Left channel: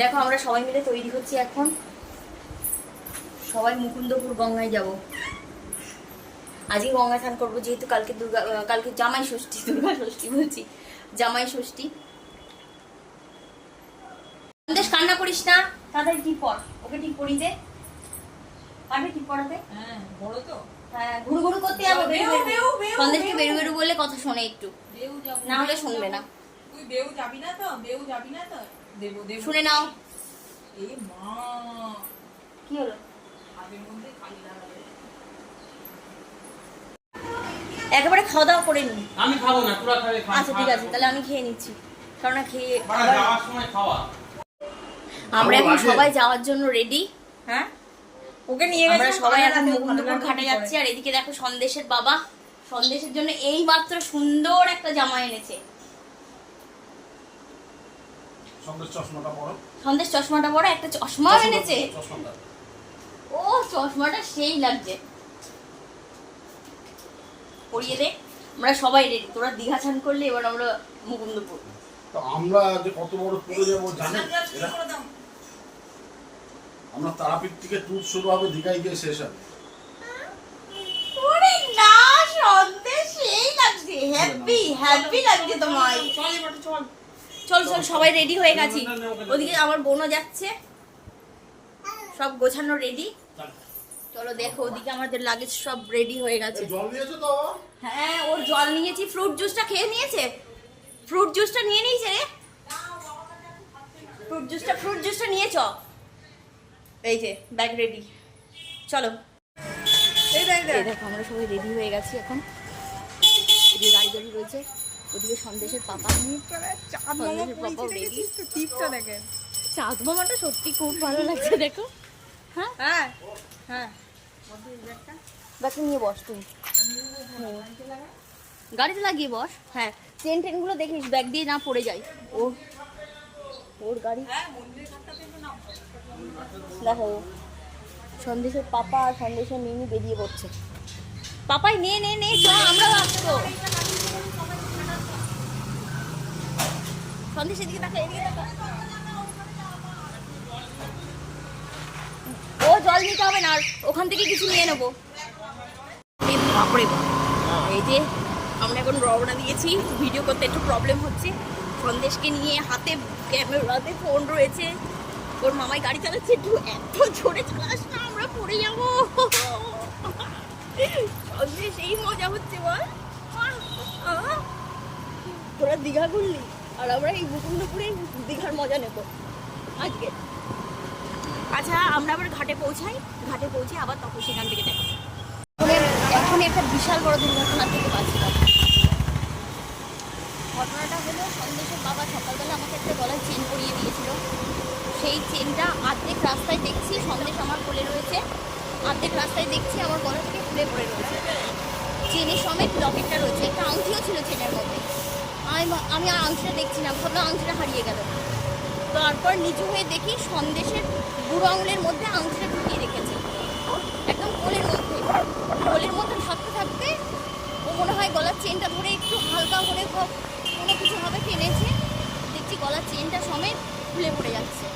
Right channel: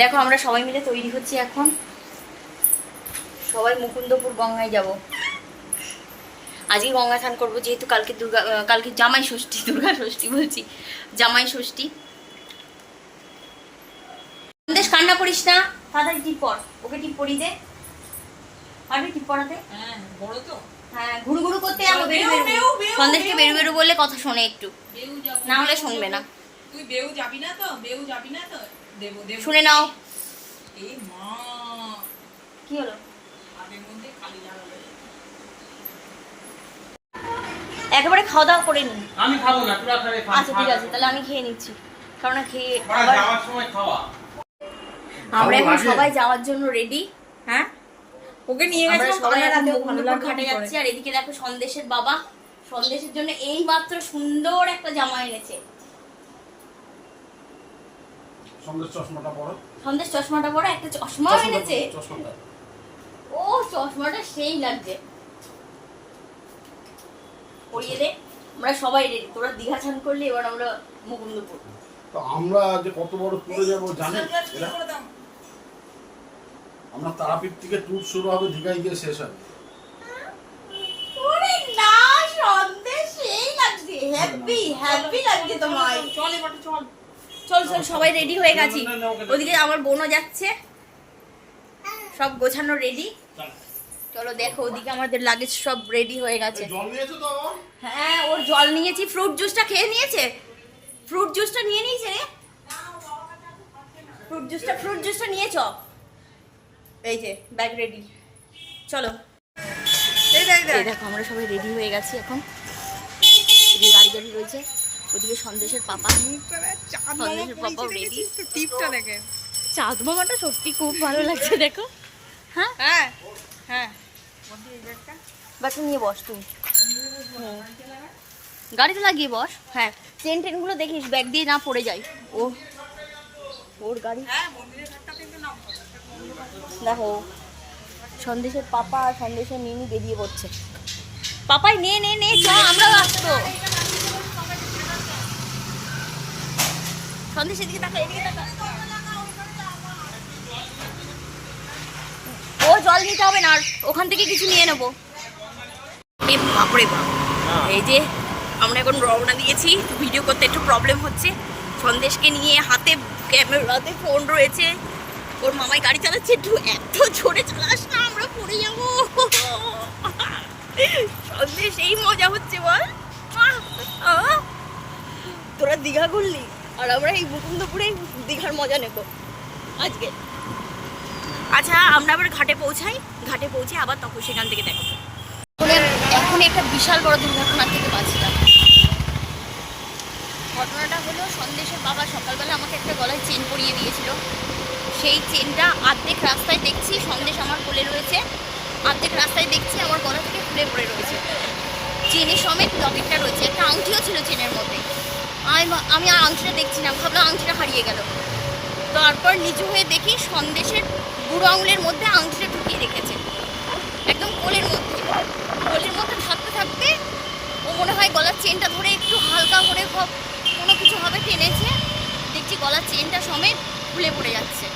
দেখো আমরা সবাই মিলে তৈরি হচ্ছি এখন, সবাই মুকুন্দপুর গঙ্গায় যাব। আজকে গঙ্গা স্নান করবো, যেহেতু কালকে জামাই ষষ্ঠী, দুর্গা ষষ্ঠী বলছি, জামাই ষষ্ঠী। সন্দেশ কান্না করিস না, তাড়াতাড়ি টিপ পর, ওকে টিপ পরিয়ে দে। পারবে টিপ পরাতে? হ্যাঁ বড় তো। হ্যাঁ, ঘুরু ঘুরু করতে যাবো, সন্দেশকে বেরু বেরু বলে কথা শোনে একটু, না হলে শুনবে না। তুই বেউ যাবি না তো? বেউ যাবি না তো? দেব দেব শুনে নাও। এই মা, কি হলো? আগের মধ্যে খালি লাগাবে। একেবারে খাওয়া দাওয়া করে নি। আমি খাবো না, তোরা খাবে। আচ্ছা ঠিক আছে, তাহলে আমি খেয়ে নিচ্ছি, কারণ খেয়ে আবার যাওয়ার সময় খাওয়া। আমরা এখন সবাই যাওয়ার জন্য রেডি। হ্যাঁ ওকে নিয়ে আমরা গেছে সবাই এখন মুকুন্দপুর ঘাটে যাচ্ছি। আর এদিকে দেখো সন্দেশের বাবা সন্দেশের জন্য এই মাত্র সুন্দর একটা জামা এনেছে। সন্দেশ চশমাটা বড়, সন্দেশ চশমাটা বড়, একটা চশমাও এনেছে। ও চশমাটা সেই লাগছে, পরিয়ে দে। আমরা সবাই রেডি, তোরা দীঘা স্নান করলে এবার আমরা মুকুন্দপুর। তো আমরা যে কত বড় ট্যুরে যাবো জানি এরা? আমরা তারাপীঠ থেকে ট্যুর শুরু হবে, দীঘায় গিয়ে শেষ হবে। ওরে না, সন্দেশ সেই লাগছে, হ্যাপি হ্যাপি লাগছে তোমায়। চল এবার চল চল চল, সবাই রেডি হয়ে গেছি। ওদিকে আমার বোনও যাচ্ছে, সব গোছানো রেডি। চলো দেখো, ওদিকে আমাদের লাগেজ সব রেডি হয়ে গেছে। জল নিয়েছো তো? হ্যাঁ, ওর জল নিয়েছি, ফ্রুট জুসটা খেয়ে নিয়েছে, ফ্রুট জুসটা নিয়ে নিয়েছে, ফ্রুট জুসটা নিয়েছ। এই যে ব্যাগ রেডি, চলো। এই দেখো আমরা সবাই রেডি হয়ে গেছি এখন। এদিকে গাড়ি গাড়ি রয়েছে, ওদিকে সন্দেশের পাপাও রেডি। টিপটা দেখেন, চাঁদ মামাটা সত্যি খুব ভালো লাগছে, দেখো। হ্যাঁ হ্যাঁ হ্যাঁ ব্যাগটা নিয়ে বস তুই, গাড়িতে লাগিয়ে বস। হ্যাঁ, ট্রেনগুলো দেখিস ব্যাগ দিয়ে না পড়ে যায়। ওর গাড়ি হ্যাঁ মন্দিরের ঘাটটা কিন্তু নাম। দেখো, সন্দেশের পাপা আর সন্দেশের নিনি বেরিয়ে পড়ছে। পাপাই নে নে নে, চ, আমরাও আসতো। সন্দেশের দিকে তাকা, এদিকে তাকা। ও জল নিতে হবে না, আর ওখান থেকে কিছু নিয়ে নেবো। এই বাপরে বাপ, এই যে আমরা এখন রওনা দিয়েছি। ভিডিও করতে একটু প্রবলেম হচ্ছে, সন্দেশকে নিয়ে হাতে ক্যামেরাতে ফোন রয়েছে। ওর মামাই গাড়ি চালাচ্ছে, একটু এত জোরে চালাস না, আমরা পড়ে যাবো। সন্দেশ এই মজা হচ্ছে বল। তোরা দীঘা ঘুরলি, আর আমরা এই মুকুন্দপুরে দীঘার মজা নেব আজকে। আচ্ছা, আমরা আবার ঘাটে পৌঁছাই, ঘাটে পৌঁছে আবার তখন সেখান থেকে দেখো। এখন একটা বিশাল বড় দুর্ঘটনা থেকে বাঁচলাম। ঘটনাটা হলো, সন্দেশের বাবা সকালবেলা আমাকে একটা গলায় চেন পরিয়ে দিয়েছিল। সেই চেনটা অর্ধেক রাস্তায় দেখছি সন্দেশ আমার কোলে রয়েছে, অর্ধেক রাস্তায় দেখছি আমার গলা থেকে খুলে পড়ে রয়েছে। চেনের সমেত লকেটটা রয়েছে, একটা আংটিও ছিল চেনের মধ্যে। আমি আর আংটিটা দেখছি না, ভাবলাম আংটিটা হারিয়ে গেল। তারপর নিচু হয়ে দেখি সন্দেশের বুড়ো আঙুলের মধ্যে আংটিটা ঢুকিয়ে রেখেছে, একদম কোলের মধ্যে। কোলের মধ্যে থাকতে থাকতে ও মনে হয় গলার চেনটা ধরে একটু হালকা করে কোনো কিছু ভাবে টেনেছে, দেখছি গলার চেনটা সমেত খুলে পড়ে যাচ্ছে,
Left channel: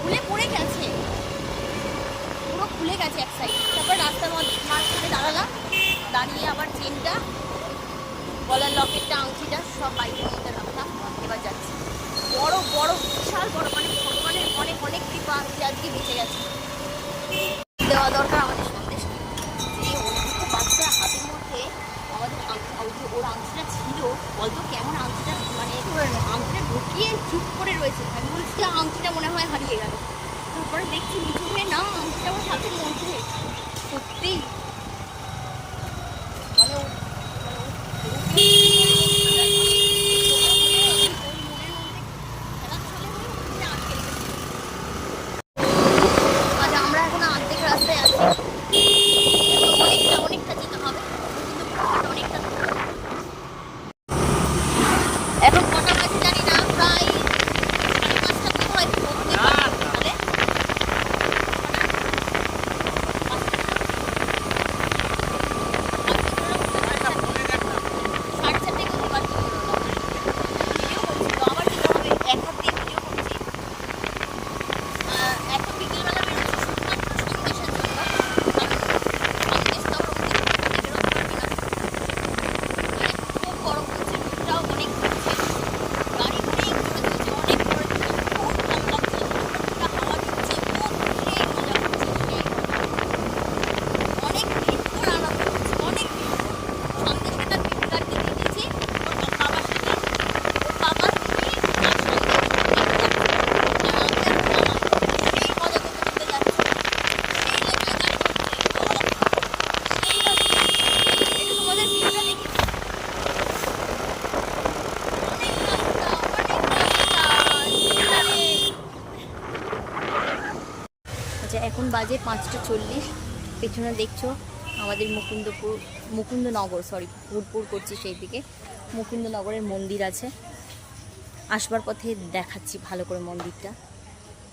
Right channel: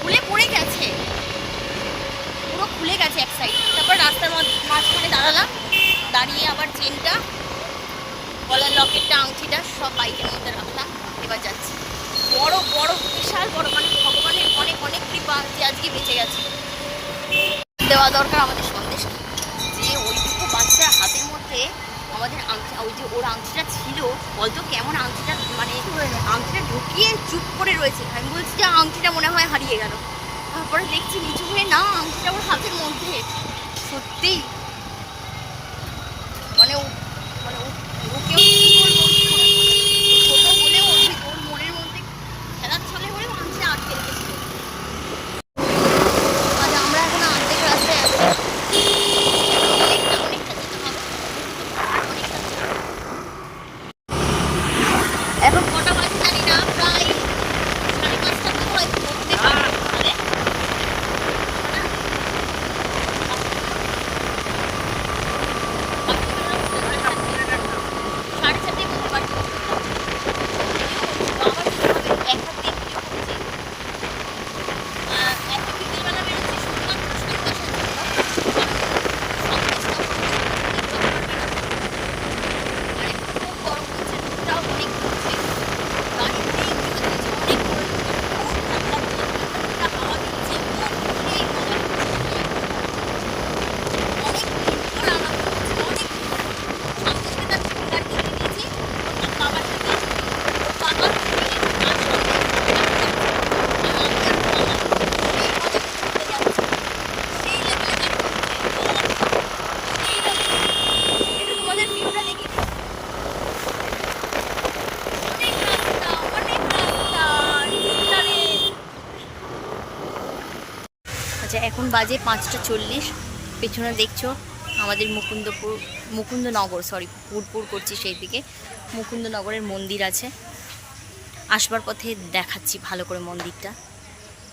খুলে পড়ে গেছে, পুরো খুলে গেছে এক সাইড। তারপর রাস্তার মাঝখানে দাঁড়ালাম, দাঁড়িয়ে আবার চেনটা, গলার লকেটটা, আংটিটা সব বাইকের মধ্যে রাখলাম। এবার যাচ্ছি। বড় বড় বিশাল বড়, মানে ভগবানের অনেক অনেক কৃপা যে আজকে বেঁচে গেছে। দেওয়া দরকার আমাদের সন্দেশকে, যে ওইটুকু বাচ্চার হাতের মধ্যে আমাদের ওই যে ওর আংটিটা ছিল, বলতো কেমন আংটিটা, মানে আংটিটা ঢুকিয়ে চুপ করে রয়েছে। আমি বলছি যে আংটিটা মনে হয় হারিয়ে গেল। তারপরে দেখছি নিচু হয়ে না, আংটিটা ওর হাতের মধ্যে। সত্যি মানে ওর মনের মধ্যে খেলার ছলে হয়ে আংটিটা আটকে রেখেছিল। আজ আমরা এখন অর্ধেক রাস্তায় আছি, অনেকটা যেতে হবে, অনেকটা যেতে হবে। এখন কটা বাজে জানি না, প্রায় 5:30 আচ্ছা এখন বাজে 5:40। পেছনে দেখছো আমাদের মুকুন্দনগর পুরপুর করছি সেই দিকে মুকুন্দনগরের মন্দির আছে। আসবার পথে দেখাচ্ছি ভালো করে মন্দিরটা।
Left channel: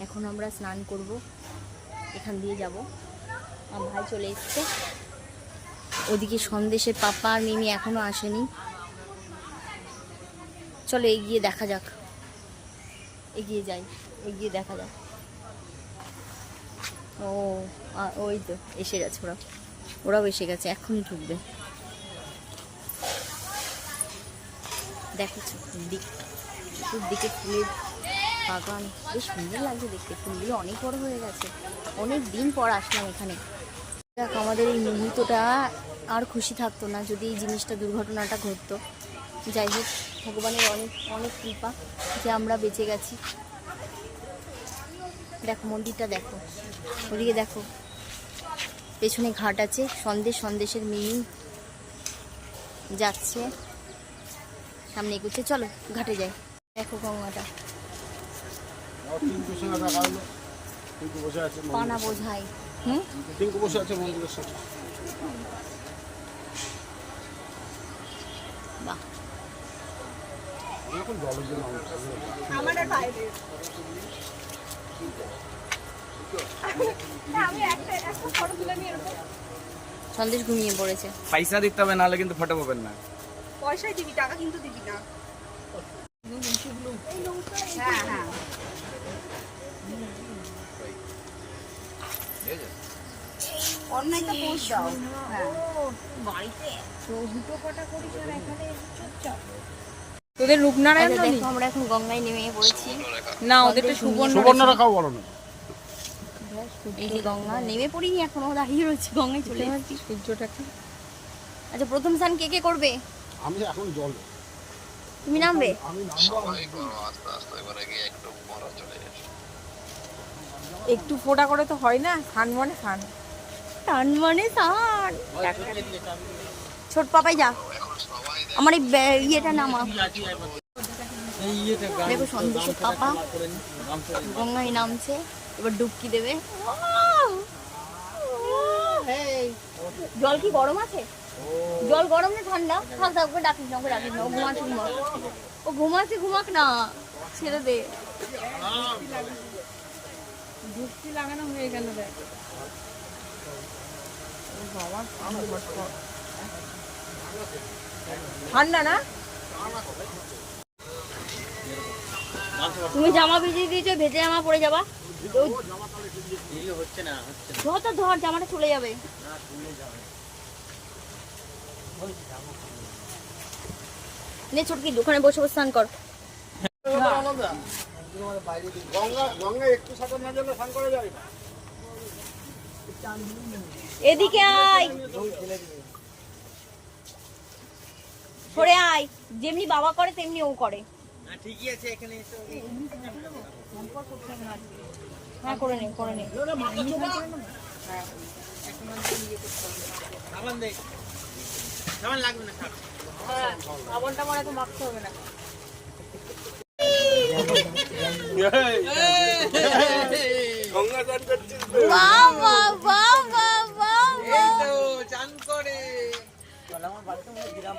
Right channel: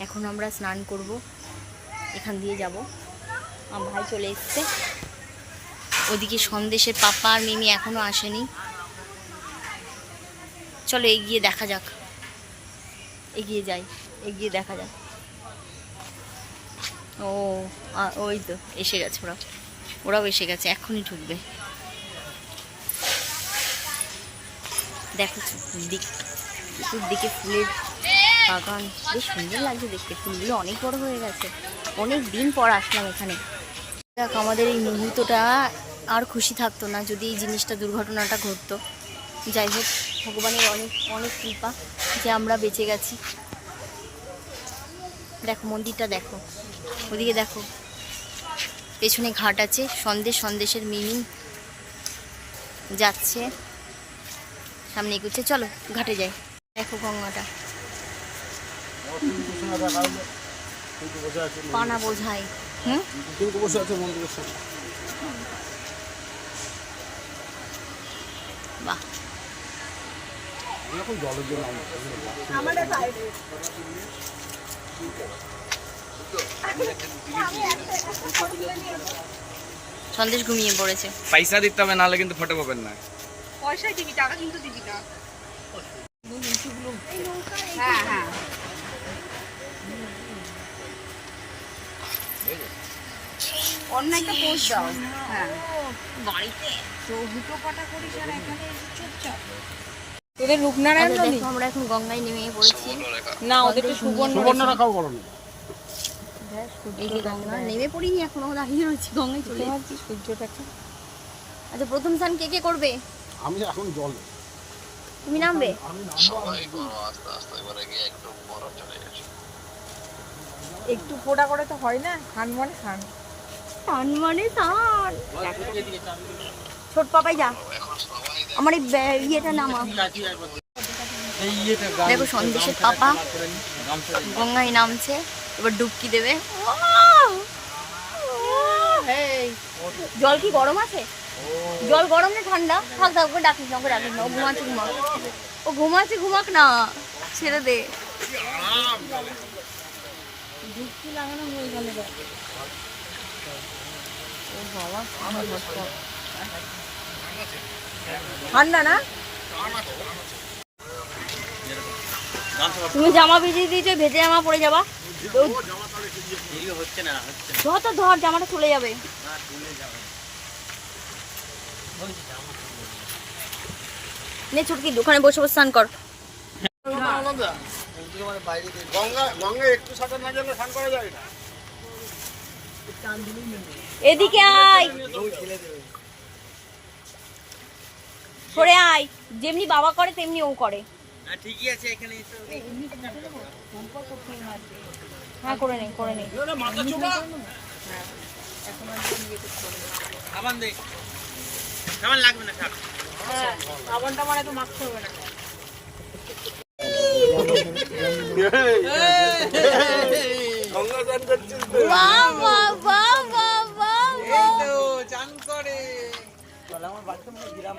এখন আমরা স্নান করব, এখান দিয়ে যাব। আমার ভাই চলে এসছে, ওদিকে সন্দেশের পাপা আর মিমি এখনো আসেনি। চলো এগিয়ে দেখা যাক, এগিয়ে যাই, এগিয়ে দেখা যাক। ওই তো এসে গেছে, ওরাও এসে গেছে, এখনই ঢুকবে। দেখো দিকে ফুলের বাগান, বেশ সুন্দর লাগছে দেখতে। ফুলগুলো অনেক বড় হয়ে গেছে, অনেক দিন পর আসলাম এখানে। দেখ আমাদের এই মুহূর্তটা আর খুশি থাকতো না যদি এই জিনিসটা, দুর্ঘটনাটা ঘটতো। যাই হোক, ভগবানের অনেক অনেক কৃপা যে আমরা বেঁচে গেছি। দেখো মন্দিরটা দেখো, ওদিকে দেখো পেছনে ঘাট আছে। সন্দেশের মিমি যাচ্ছে, সামনে এগুচ্ছে। চলো ঘাটে যাই। দেখো গঙ্গাটা, পানা বোঝাই। বসে আছে মন্দিরের সাথে। বাহ, সন্দেশ ঘুমিয়ে পড়েছে। পয়সা দিতে হবে, নাহলে কিন্তু ফটো পাবেন না। পয়সা দিবি, টাকা কিন্তু দিবি না। হ্যাঁ হ্যাঁ অন্য একটা পোস্ট দাও। হ্যাঁ বাড়িতে তো দুটো কটা করিস আর এখানে চুপচাপ। তোদের রূপনারায়ণ আচ্ছা, দেখো আমরা এখন গঙ্গায় নেমে পড়েছি। না, ওদের তো সুবর্ণরা খাও বলো না। এই যে গঙ্গা, নেমে পড়িনি এখনো, দাঁড়িয়ে রয়েছি, গঙ্গায় চলে যাচ্ছি। সূর্যটাকে। আচ্ছা প্রথম স্নান কে করবে? আমি এখন জল, তুমি নামবে? আমি নামবো। একটু ফোঁটা করে তো হয় না, খান মানে খান। টান মানে টান। ছোট পাপাই যা, আমার এই ইয়েটা নামা। দেখো সন্দেশের পাপা গঙ্গায় নামছে, এবার ডুবকি দেবে। জল কি গরম আছে? জল গরম না ঠান্ডা? থাক থাক, ওকে ডাকিস না, ওকে ডাকিস না, ও ঘুমাচ্ছে, ও ঘুমাচ্ছে, ঘুমাক না, ছেড়ে দে। ডুবকি লাগানো হয়ে গেল। ঠান্ডা না? তুমি জামা ভিজিয়ে দিয়েছো, ভেজে জামা পরে যাবা। ধর তো ধর, জামাটা চলে যাবে। নে ছুটকি, দোকানে বসে বসে স্নান কর। গঙ্গা একটু সাঁতার না গেলে স্নান করা যায় না। এদিকে আয়, সরে আয়। যেমনি বাবা করে তেমনি ও করে। ঠিকই আছে, এখানে হ্যাঁ করে নে, করে নে। সাবান দেখ, সাবান লাগবে না, থাক। সাবানটা মানে তো মাখতে হবে না। গঙ্গা স্নান করছিস? বাহ বাহ বাহ বাহ বাহ বাহ। চান করে আমার বাড়িতে মনে গ্রাম।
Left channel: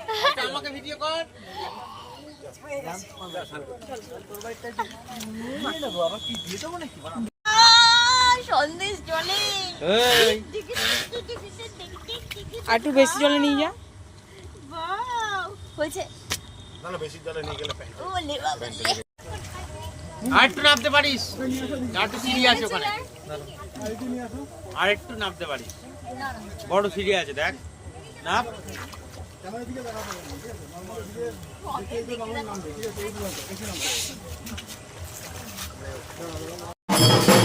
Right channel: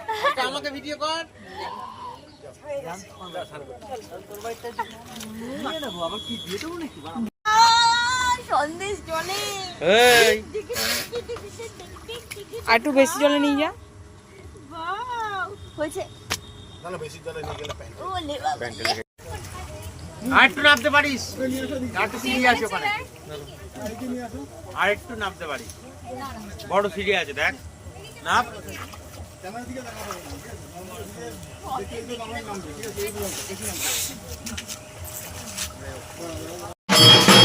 আমাকে ভিডিও কর। সন্দেশ জলে আর একটু বেশি জলে নিয়ে যা। হয়েছে। না বেশি জলে নিয়ে গেলে ওলে বাবা। আর একটু নামতে পারিস? আর একটু সিঁড়ি আছে ওখানে, আর একটু নামতে পারিস। বড় সিঁড়ি আছে, দেখ নাম।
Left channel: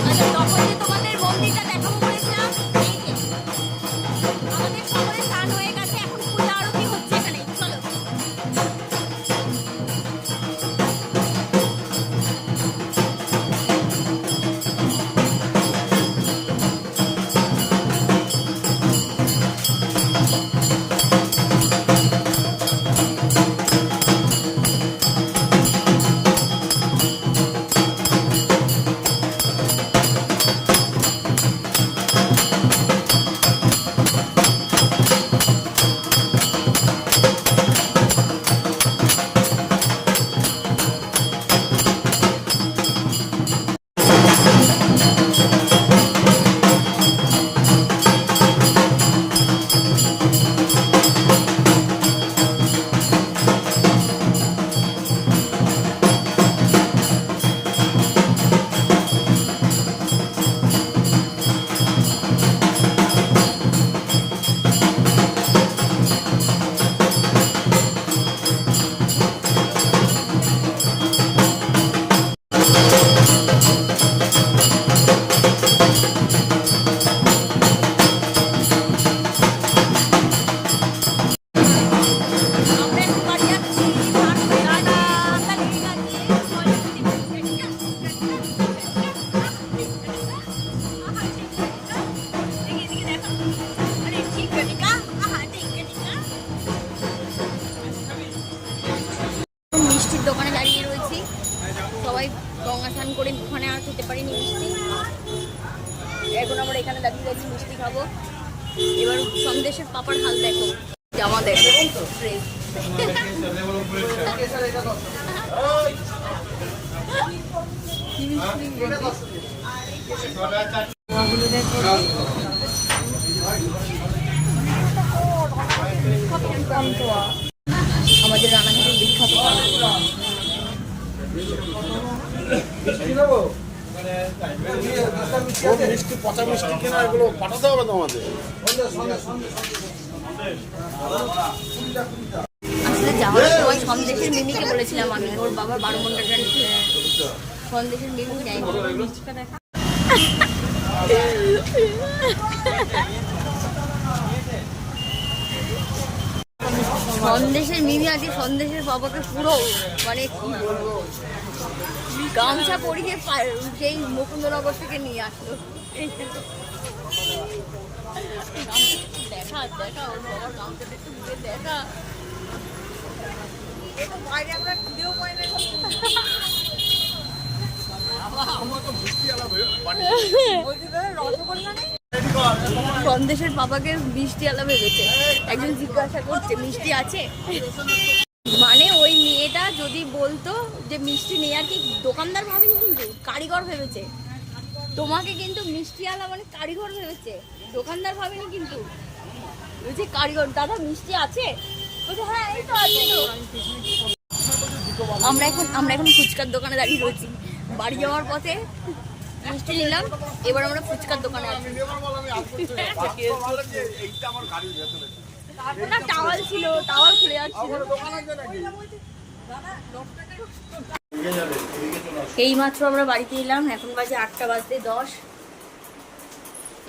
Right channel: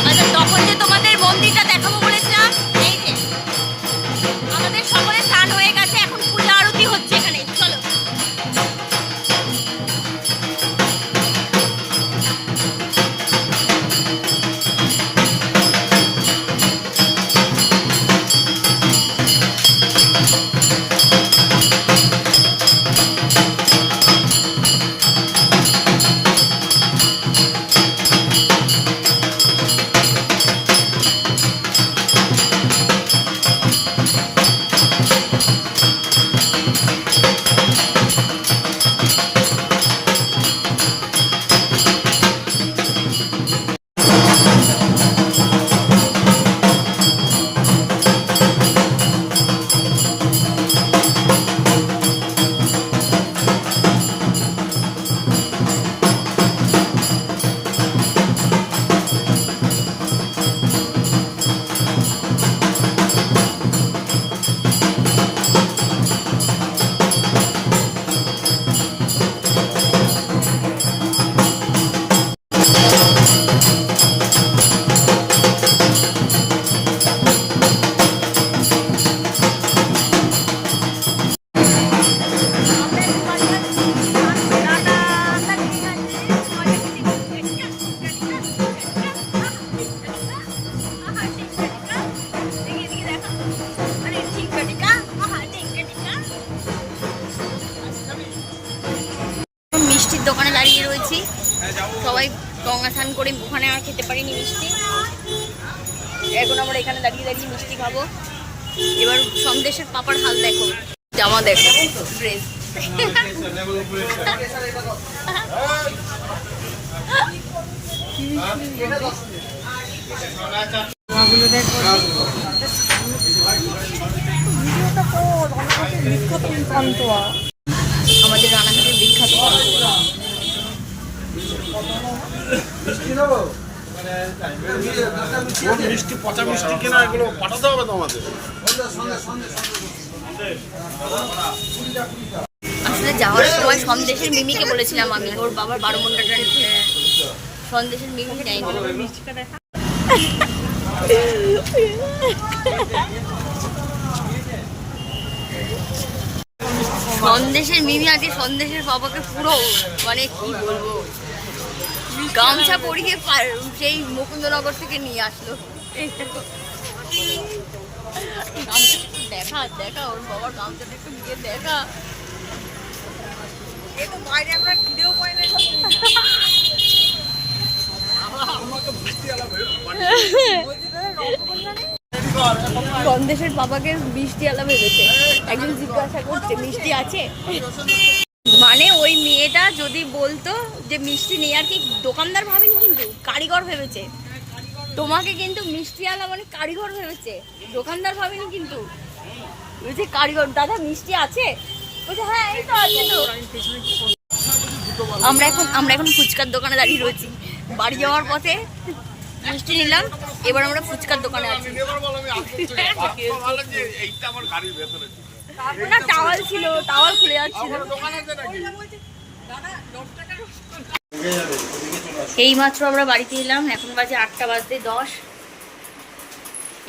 আচ্ছা তখন যে তোমাদের মন্দিরটা দেখাবো বলেছিলাম, এই যে আমাদের সকলে স্নান হয়ে গেছে, এখন পূজা আরতি হচ্ছে এখানে। চলো। গঙ্গা স্নান করে ওখানে আর খেতে পারিনি মিষ্টি। এখন আমরা এখানে দাঁড়িয়ে দাঁড়িয়ে মিষ্টি খাবো। এবার সন্দেশের পাপার হাল দেখো, জামা দেখো, ড্রেস। আমাদের রানাঘাটের বিখ্যাত পান্তুয়া। মিষ্টি পচা মিষ্টি কিনা এগুলো পাঠাতে হবে তো আমাদের। আসলে যাওয়ার সময় সন্দেশের মিমিকে বলেছিলাম আমি, ওর বাবার 12 ঘন্টাটা নিতে। সন্দেশের মিমি দেয়নি। সন্দেশের মিমি আজকে সন্দেশের বাবাকে পুরো মানে কি বলবো, গামছা পরিয়ে সেই মুকুন্দনগর থেকে নিয়ে আসলো। দেখা দেখা ওর বাবার গামছাটা একটু গিয়ে দেখা। বাইরে আমরা খিদেও পাই না। সন্দেশের বাবাকে মিষ্টি আলা ভেবেছে। একজন জিজ্ঞাসা করছে মিষ্টি আছে, মানে ওই মেয়েটা যদি বলতো যে মিষ্টি নেই আর কি, দোকানদার ভাবেনি কিন্তু কারিগর ভেবেছে তোমাকে, কিন্তু মিষ্টি আলা মানে কারিগর ভেবেছে, দোকানদার ভাবেনি কিন্তু। বলছে কারিগর, দাদা মিষ্টি আছে? বলছে হ্যাঁ এই তো আছে তো। আমরা এখন ফুচকার দোকানে দাঁড়িয়ে রয়েছি। বাড়ি যাওয়ার পথে মিষ্টি নিলাম, এবার আমরা ফুচকার দোকানে আছি। টাওয়াল ছিল, টাওয়াল খুলে যাচ্ছিল। এই মাত্র আমরা বাড়িতে এলাম, এখন বাজে 8টা বাজতে 10।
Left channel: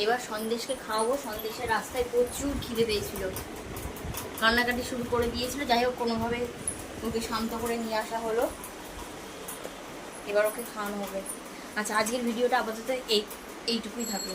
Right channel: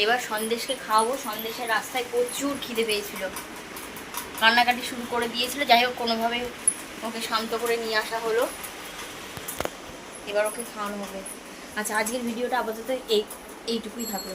এবার সন্দেশকে খাওয়াবো। সন্দেশের রাস্তায় প্রচুর খিদে পেয়েছিল, কান্নাকাটি শুরু করে দিয়েছিল। যাই হোক কোনোভাবে ওকে শান্ত করে নিয়ে আসা হলো, এবার ওকে খাওয়ানো হবে। আচ্ছা, আজকের ভিডিওটা আপাতত এইটুকুই থাকলো।